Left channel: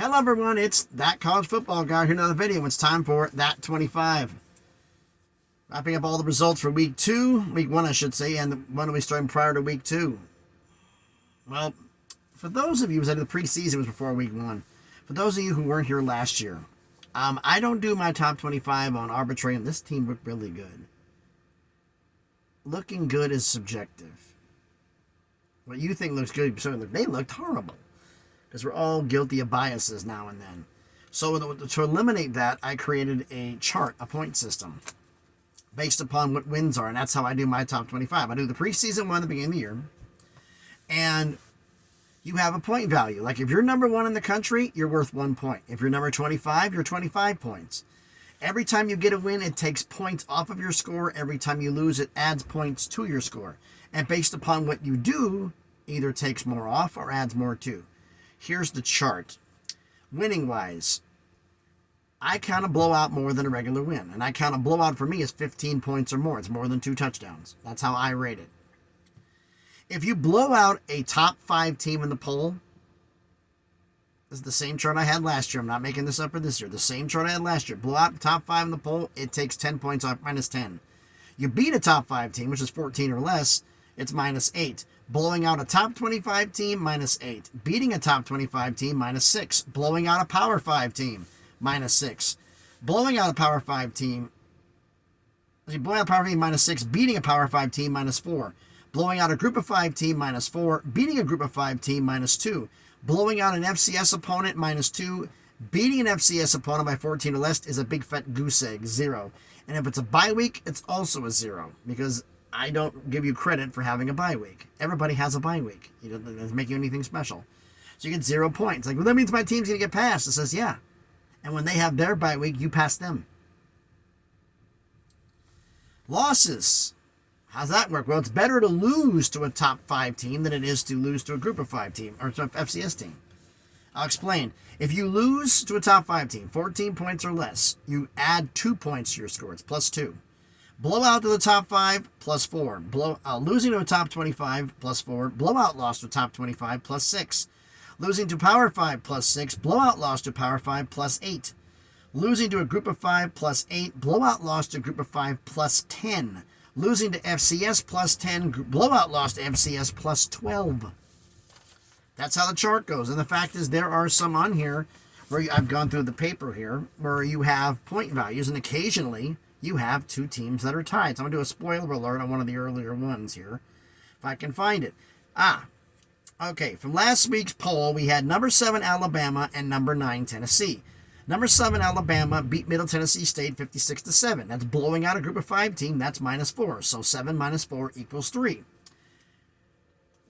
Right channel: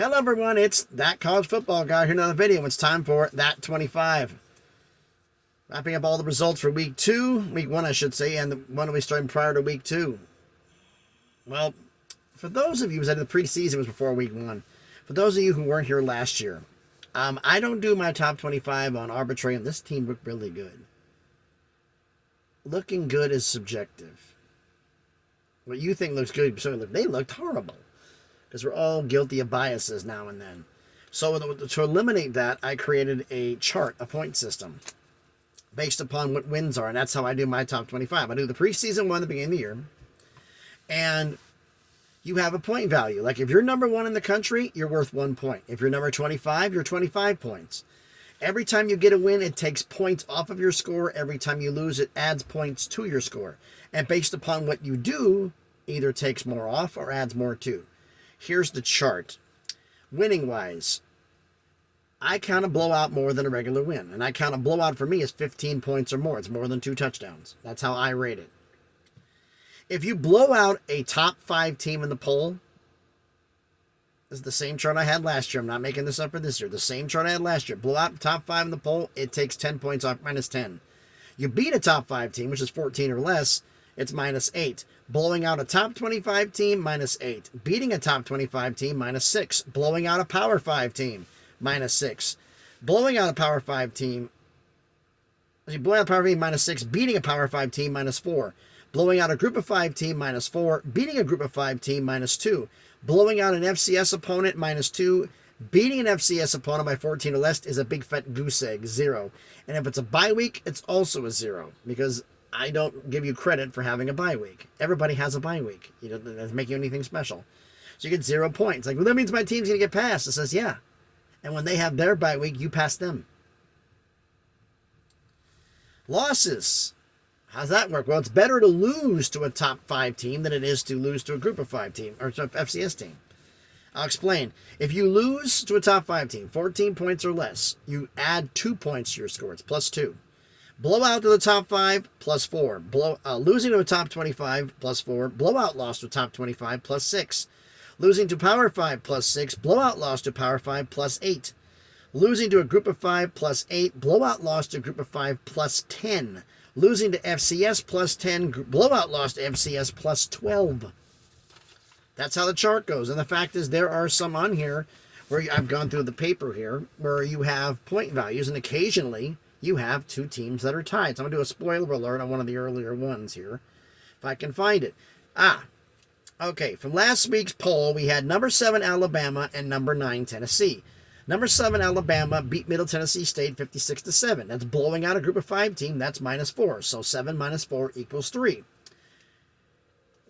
Hello everyone, it's That College Football Guy here, another video. It's time for That 25. Wrapping up all the results for week 1 I should say, and the one we started prior to week 2. Well, for those of you who said the preseason was before week 1, for those of you who weren't here last year, I don't do my top 25 on arbitrary, and this team looked really good. Looking good is subjective. What you think looks good, they looked horrible. Because we're all guilty of biases now and then. So to eliminate that, I created a chart, a point system, based upon what wins are. And that's how I do my top 25. I do the preseason one at the beginning of the year. And you have a point value. Like if you're number 1 in the country, you're worth 1 point. If you're number 25, you're 25 points. Every time you get a win, it takes points off of your score. Every time you lose, it adds points to your score. And based upon what you do, either takes more off or adds more to. Here's the chart. Winning wise, I count a blowout more than a regular win. And I count a blowout for me as 15 points or more. It's more than 2 touchdowns. That's how I rate it. If you blow out a top 5 team in the poll, this is the same chart I had last year. I'm not making this up for this year. The same chart I had last year. Blow out the top 5 in the poll, it takes 10 points off, minus 10. You beat a top 5 team, which is 14 or less, it's minus 8. Blowing out a top 25 team, minus 8. Beating a top 25 team, minus 6. Blowing out a power 5 team, minus 6. Blowing out a power 5 team, minus 6. Beating a power 5 team, minus 4. Blowing out a group of 5 team, minus 4. Beating a group of 5 team, minus 2. Blowing out an FCS opponent, minus 2. Beating an FCS opponent by 14 or less is a big fat goose egg, 0. And if it's a bye week, it's also a 0. Because I don't give you credit for having a bye week. Everybody has a bye week. You know, that doesn't make you anything special. So you get 0 points. Like, well, that means my team's going to get passed. It says, yeah. And when they have their bye week, you pass them. Losses. How's that work? Well, it's better to lose to a top 5 team than it is to lose to a group of 5 team, or to an FCS team. I'll explain. If you lose to a top 5 team, 14 points or less, you add 2 points to your score. It's plus 2. Blowout to the top 5, plus 4. Losing to a top 25, plus 4. Blowout loss to top 25, plus 6. Losing to power 5, plus 6. Blowout loss to power 5, plus 8. Losing to a group of 5, plus 8. Blowout loss to a group of 5, plus 10. Losing to FCS, plus 10. Blowout loss to FCS, plus 12. That's how the chart goes. And the fact is, there are some on here where I've gone through the paper here where you have point values, and occasionally you have 2 teams that are tied. So I'm going to do a spoiler alert on one of the earlier ones here, if I can find it. Okay, from last week's poll, we had number 7 Alabama and number 9 Tennessee. Number 7 Alabama beat Middle Tennessee State 56-7. That's blowing out a group of 5 team. That's minus 4. So 7 minus 4 equals 3.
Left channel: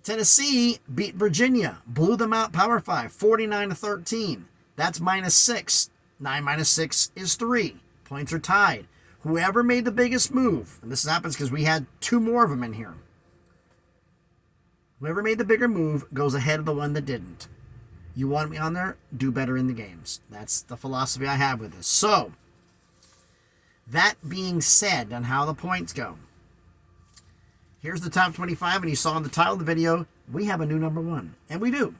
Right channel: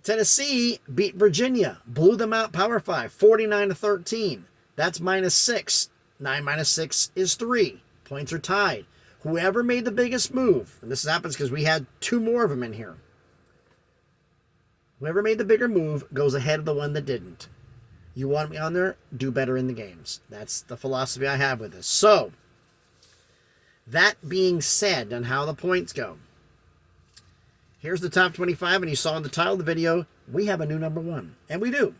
Tennessee beat Virginia, blew them out power 5, 49-13. That's minus 6. 9 minus 6 is 3. Points are tied. Whoever made the biggest move, and this happens because we had 2 more of them in here. Whoever made the bigger move goes ahead of the one that didn't. You want me on there? Do better in the games. That's the philosophy I have with this. So, that being said, on how the points go. Here's the top 25, and you saw in the title of the video, we have a new number 1. And we do.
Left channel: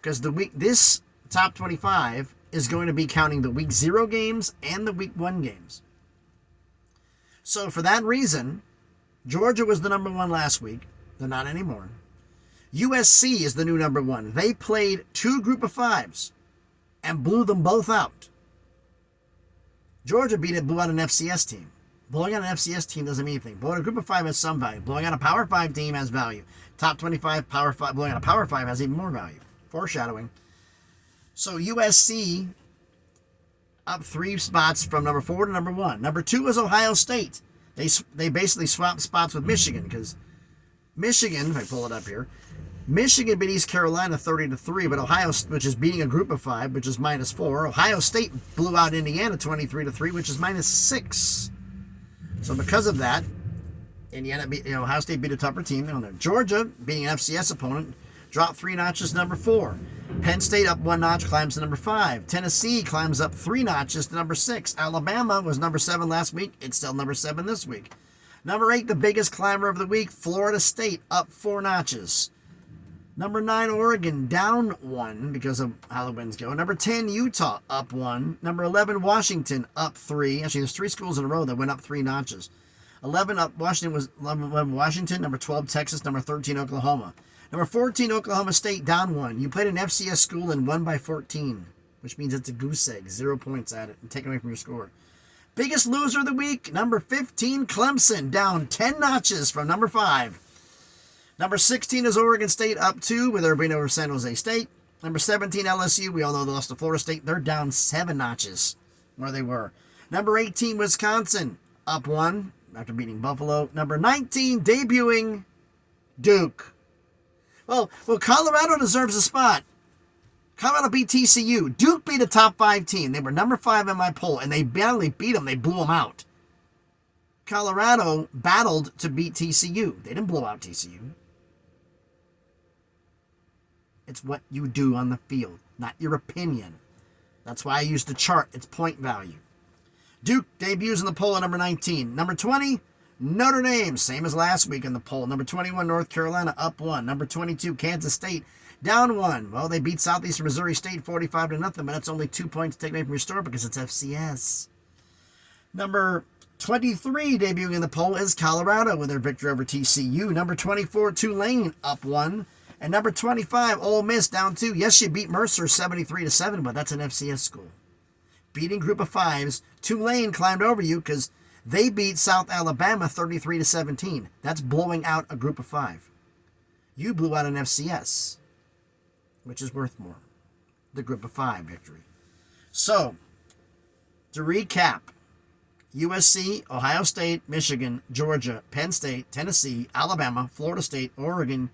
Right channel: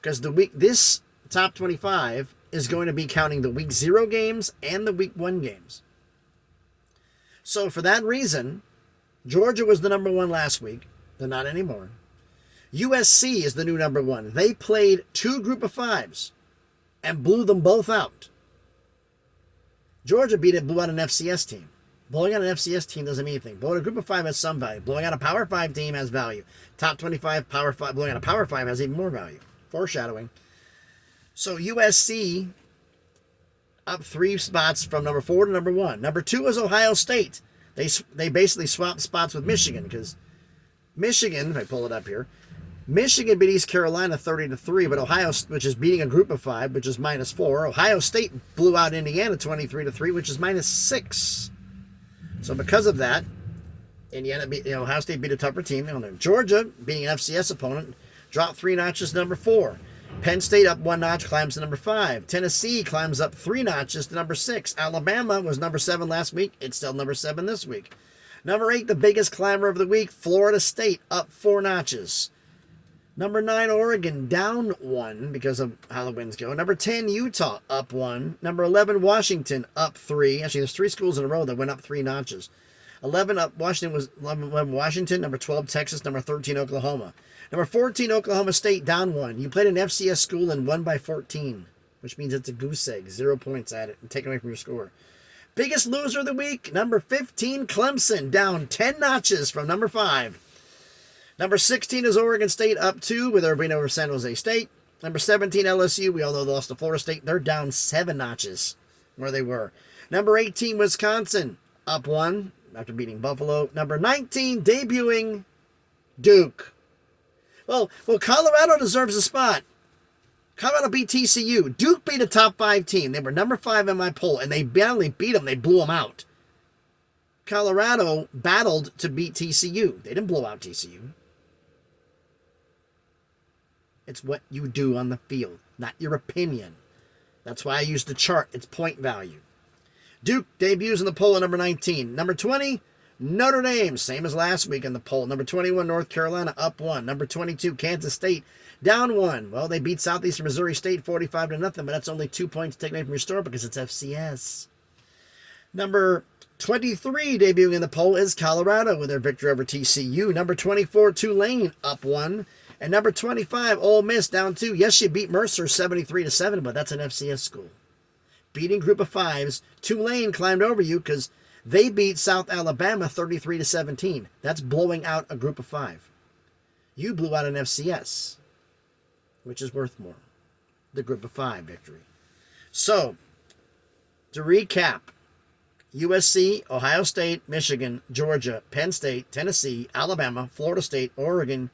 Because this top 25 is going to be counting the week 0 games and the week 1 games. So for that reason, Georgia was the number 1 last week. They're not anymore. USC is the new number 1. They played 2 group of 5s and blew them both out. Georgia blew out an FCS team. Blowing out an FCS team doesn't mean anything. Blowing out a group of 5 has some value. Blowing out a power 5 team has value. Top 25 power 5, blowing out a power 5 has even more value. Foreshadowing. So USC up 3 spots from number 4 to number 1. Number 2 is Ohio State. They basically swapped spots with Michigan because Michigan, if I pull it up here, Michigan beat East Carolina 30-3, but Ohio, which is beating a group of 5, which is minus 4. Ohio State blew out Indiana 23-3, which is minus 6. So because of that, Ohio State beat a tougher team. Georgia, being an FCS opponent, dropped 3 notches to number 4. Penn State up 1 notch, climbs to number 5. Tennessee climbs up 3 notches to number 6. Alabama was number 7 last week. It's still number 7 this week. Number 8, the biggest climber of the week, Florida State up 4 notches. Number 9, Oregon, down 1 because of how the winds go. Number 10, Utah, up 1. Number 11, Washington, up 3. Actually, there's 3 schools in a row that went up 3 notches. 11 up Washington was 11 Washington. Number 12, Texas. Number 13, Oklahoma. Number 14, Oklahoma State, down 1. You played an FCS school and won by 14, which means it's a goose egg. 0 points at it and taken away from your score. Biggest loser of the week, number 15, Clemson, down 10 notches from number 5. Number 16 is Oregon State, up 2 with their win over San Jose State. Number 17, LSU. We all know they lost to Florida State. They're down 7 notches where they were. Number 18, Wisconsin, up 1 after beating Buffalo. Number 19, debuting Duke. Well, Colorado deserves a spot. Colorado beat TCU. Duke beat a top 5 team. They were number 5 in my poll, and they barely beat them. They blew them out. Colorado battled to beat TCU. They didn't blow out TCU. It's what you do on the field, not your opinion. That's why I use the chart. It's point value. Duke debuts in the poll at number 19. Number 20, Notre Dame, same as last week in the poll. Number 21, North Carolina, up 1. Number 22, Kansas State, down 1. Well, they beat Southeastern Missouri State 45-0, but that's only 2 points taken away from your score because it's FCS. Number 23 debuting in the poll is Colorado with their victory over TCU. Number 24, Tulane, up 1. And number 25, Ole Miss, down 2. Yes, you beat Mercer 73-7, but that's an FCS school. Beating group of 5s, Tulane climbed over you because they beat South Alabama 33-17. That's blowing out a group of 5. You blew out an FCS, which is worth more. The group of 5 victory. So, to recap, USC, Ohio State, Michigan, Georgia, Penn State, Tennessee, Alabama, Florida State, Oregon,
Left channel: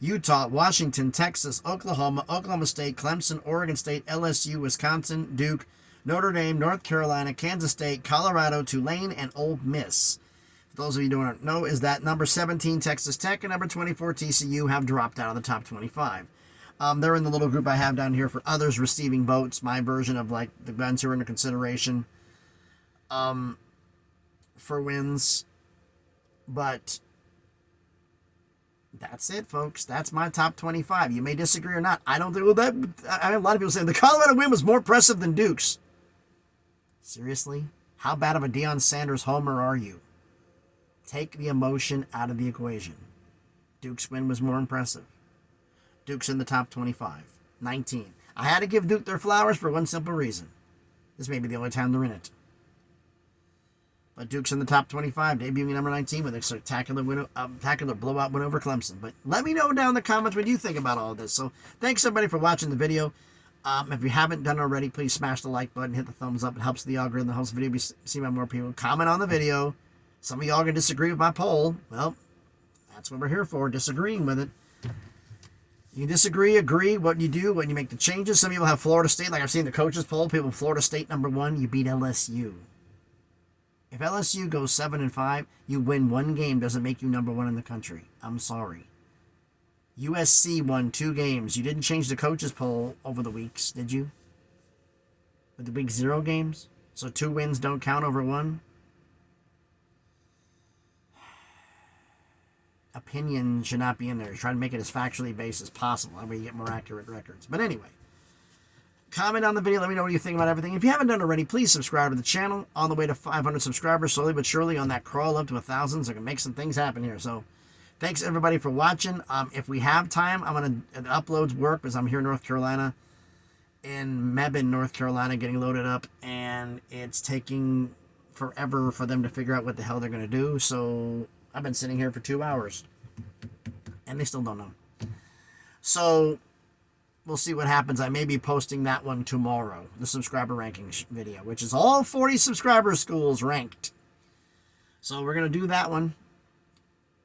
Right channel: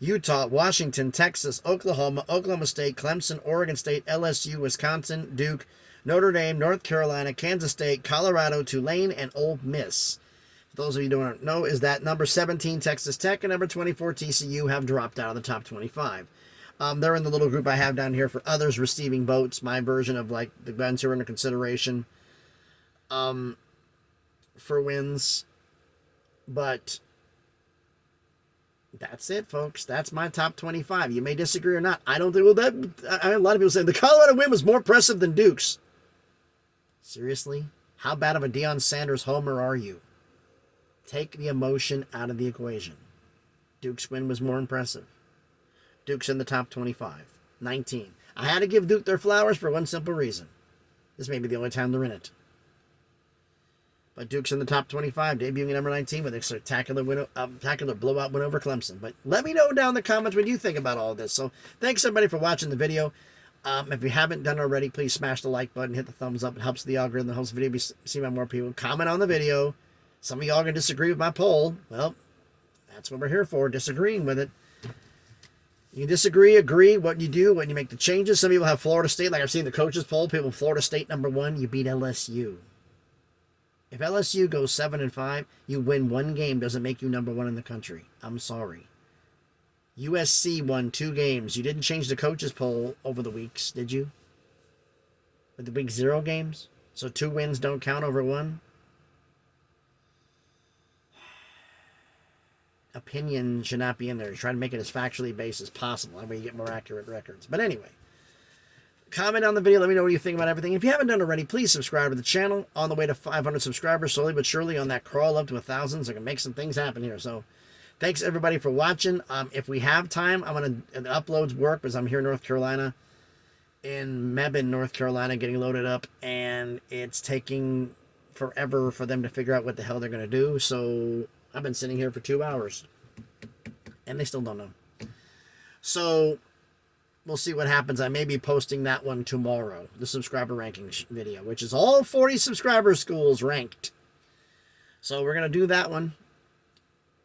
Utah, Washington, Texas, Oklahoma, Oklahoma State, Clemson, Oregon State, LSU, Wisconsin, Duke, Notre Dame, North Carolina, Kansas State, Colorado, Tulane, and Ole Miss. For those of you who don't know, is that number 17, Texas Tech, and number 24, TCU, have dropped out of the top 25. They're in the little group I have down here for others receiving votes, my version of like the guns who are under consideration for wins. But that's it, folks. That's my top 25. You may disagree or not. I don't think, well, that, a lot of people say the Colorado win was more impressive than Duke's. Seriously? How bad of a Deion Sanders homer are you? Take the emotion out of the equation. Duke's win was more impressive. Duke's in the top 25. 19. I had to give Duke their flowers for one simple reason. This may be the only time they're in it. But Duke's in the top 25, debuting at number 19 with a spectacular blowout win over Clemson. But let me know down in the comments what you think about all of this. So thanks, everybody, for watching the video. If you haven't done already, please smash the like button, hit the thumbs up. It helps the algorithm, it helps the video be seen by more people. Comment on the video. Some of y'all are going to disagree with my poll. Well, that's what we're here for, disagreeing with it. You disagree, agree, what you do, when you make the changes. Some people have Florida State, like I've seen the coaches poll. People, Florida State number 1, you beat LSU. If LSU goes 7-5, you win 1 game, doesn't make you number 1 in the country. I'm sorry. USC won 2 games. You didn't change the coaches poll over the weeks, did you? With the week 0 games? So 2 wins don't count over 1? Opinion should not be in there. Try to make it as factually based as possible. That way you get more accurate records. But anyway, comment on the video. Let me know what you think about everything. If you haven't done it already, please subscribe to the channel. On the way to 500 subscribers, slowly but surely on that crawl up to 1,000. So I can make some things happen here. So thanks, everybody, for watching. If we have time, I'm going to uploads work because I'm here in North Carolina, in Mebane, North Carolina, getting loaded up. And it's taking forever for them to figure out what the hell they're going to do. So I've been sitting here for 2 hours. And they still don't know. So we'll see what happens. I may be posting that one tomorrow, the subscriber ranking video, which is all 40 subscriber schools ranked. So we're going to do that one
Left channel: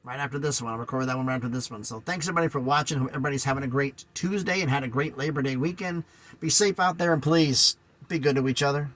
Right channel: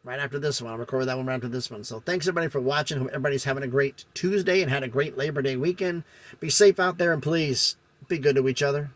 right after this one. I'll record that one right after this one. So thanks, everybody, for watching. Hope everybody's having a great Tuesday and had a great Labor Day weekend. Be safe out there, and please be good to each other.